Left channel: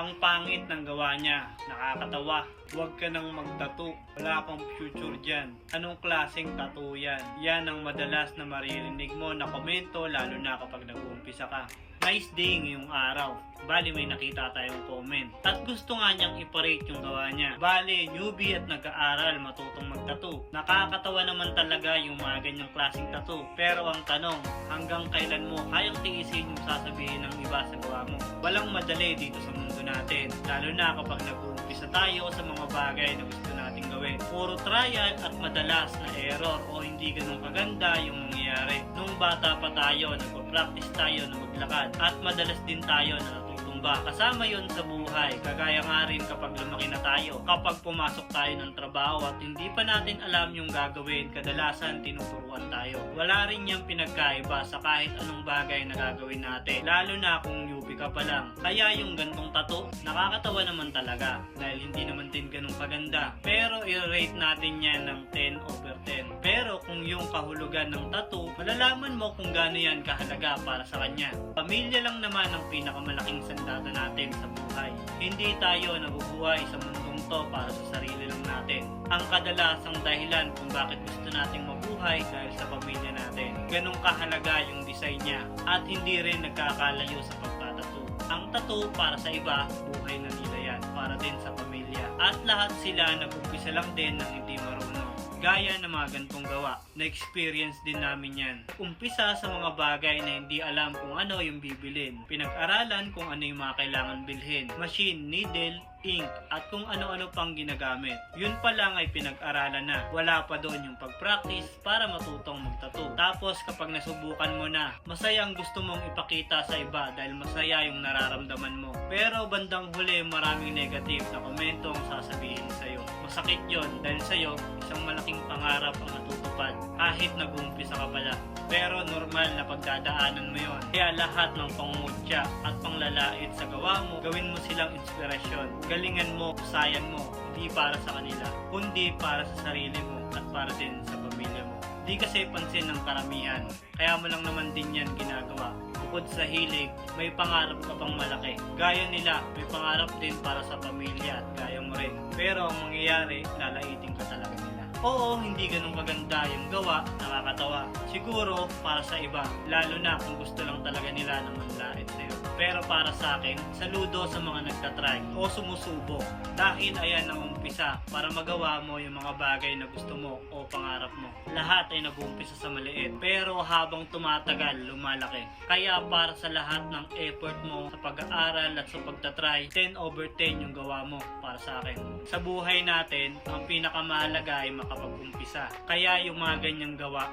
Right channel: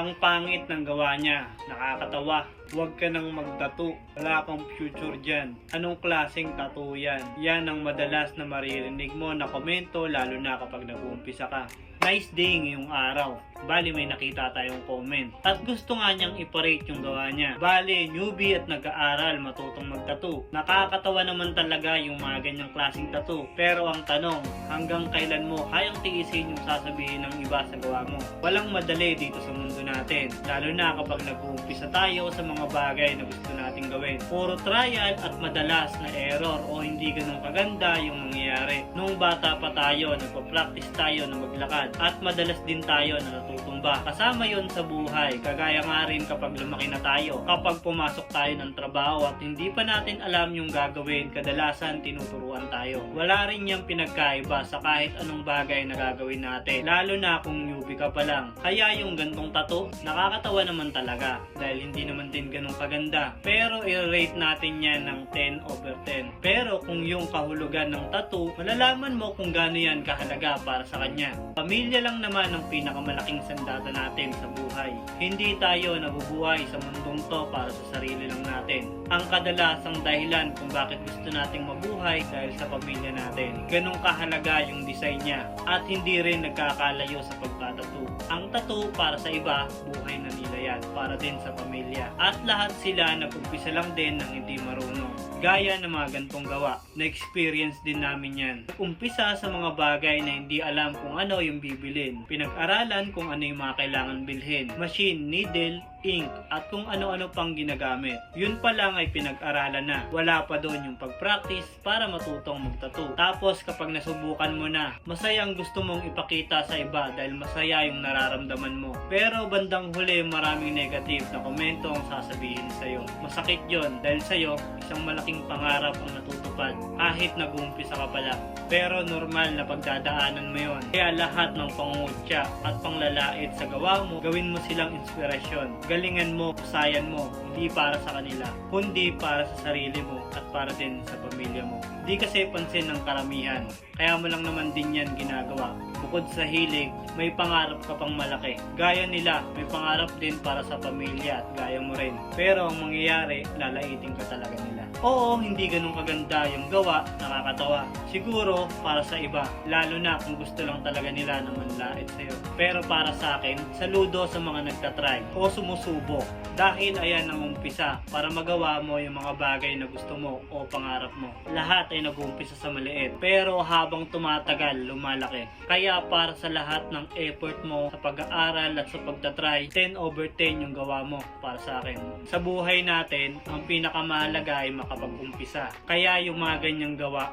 Ang pangit ng gawa niya, nakakatawa. Huwag ka nang magtattoo, wala kang future dyan. Anong klaseng tattoo yan? Yan ang madalas na maririnig mo na komento lalo na kapag nag-uumpisa ka. Nice day ngayong araw. Bali may nakita tayong comment. At gusto nga niyang iparate yung gawa niya. Bali, newbie at nag-aaral matutong mag-tattoo. Nakakatawa naman talaga yung mga ganyang klaseng tattoo. Pero ang tanong, hanggang kailan mo kayang tiisin yung sasabihin ng iba sa gawa mo? Walang madali dito sa mundo natin. Lalo na kapag nag-uumpisa tayo sa mga bagay na gusto nating gawin. Puro trial at madalas na error o hindi ganun kaganda yung mangyayari. Nung bata pa tayo, nagpa-practice tayo na maglakad. At madalas din tayo na natutumba. Kasama yon sa buhay. Kagaya nga rin kapag lumaki na tayo. Kapag pumasok tayo ng trabaho at hindi pa natin alam yung gagawin, kadalasan tinuturuan tayo. Wala rin yung pinagkaiba sa kahit anong bagay na gagawin natin. Lalo na kung newbie ka pa lang. Kaya yung gantong tattoo, nakakatawa naman talaga. Dahil hindi naman din ganun kaganda. Pero i-rate natin yan ng 10/10. Pero kung yung kahulugan ng tattoo, malalaman mo kung gaano yan kahalaga para sa kanya. Pamilya lang naman ang pinakamalaking sandata natin sa buhay. Hindi tayo nabubuhay sa mundong to para sa sarili lang natin. Ang kadalasang dahilan kung bakit gusto nating mabuhay dahil sa pamilya natin. Ganong kahalaga yung design niya at hindi rin nagkakalayo sa pagtatattoo. Ang tattoo para sa iba, buhay na nila yan. Para din sa pamilya. At lahat sila nag-umpisa lang din ng hindi marunong. Gaya ng mga gantong gawa, na-experience din namin yan. Umpisa sa mga bagay na hindi alam kung ano yung bibilin. Pinag-aralan kung ano yung mga kailangan bilhin. Machine, needle, ink, at kung ano-ano pang ginagamit. Yun pa lang ay pinag-aralan na. Wala pa doon yung pag-practice para matutong mag-tattoo. Tapos kapag nasubukan mo na, masaya ang gusto mong ipakita sa iba dahil masaya yung nararamdaman mo. Pero bandang huli maraming negative na komento ang sasabihin sa'yo. Masakit yon dahil sa'yo, isang malaking pangarap ang natutupad kahit nag-uumpisa ka pala. Pero normal na pagdadaanan mo yon. Kaya lahat ng pangungutya at panglalait sa gawa mo, gawin mo silang inspirasyon. Galingan mo, sayan mo, hindi para sa kanila, kundi para sa sarili mo at para din sa pamilya mo. Di kasi pansin ng karamihan, kaya mo lang naman din yan ginagawa. Bukod sa hilig, may pangarap ka pang malaki. Gaya nila, may pangarap din para sa pamilya at gaya mo rin. Pero ang mangyayari, lalaitin ka talaga nila. Oo, hindi ganun kaganda yung gawa, nakakatawa. Siguro para sa iba, lalo na kung gusto lang talaga nila na manlait sa'yo. Pero para sa akin, saludo sa mga nagtatry o sumusubok. Dahil ayan ang umpisa para magawa mo yung mga bagay na gusto mo o pangarap mo. Lahat ay nag-uumpisa sa maliit. Pero habang tumatagal, lumalaki. Kaya para sa lahat ng effort mo sa pag-aaral at sa pagtatry, 10/10 yung gawa mo para sa akin. Sa buhay natin, ang pinakamahalaga ay makapag-umpisa. Kaya yung mga ganyang gawa,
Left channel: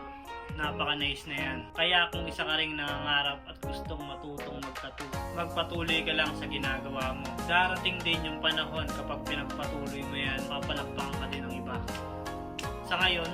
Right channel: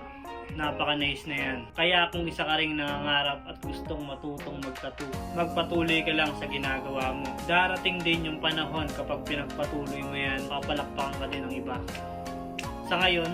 napaka-nice na yan. Kaya kung isa ka ring nangangarap at gustong matutong mag-tattoo, magpatuloy ka lang sa ginagawa mo. Darating din yung panahon kapag pinagpatuloy mo yan, papalakpakan ka din ng iba. Sa ngayon,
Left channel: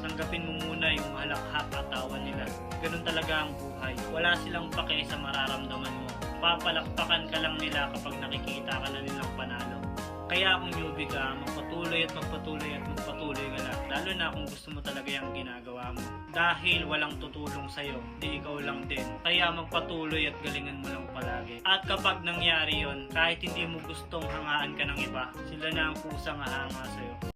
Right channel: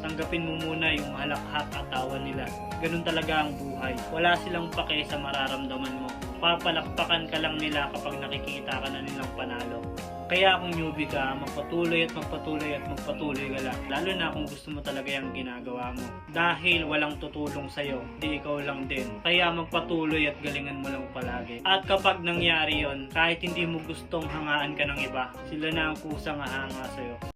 tanggapin mo muna yung halakhak at tawa nila. Ganun talaga ang buhay. Wala silang pake sa mararamdaman mo. Papalakpakan ka lang nila kapag nakikita ka na nilang panalo. Kaya kung newbie ka, magpatuloy at magpatuloy at magpatuloy ka lang. Lalo na kung gusto mo talaga yung ginagawa mo. Dahil walang tutulong sa'yo, di ikaw lang din. Kaya magpatuloy at galingan mo lang palagi. At kapag nangyari yon, kahit hindi mo gustong hangaan ka ng iba, sila na ang kusang hahanga sa'yo.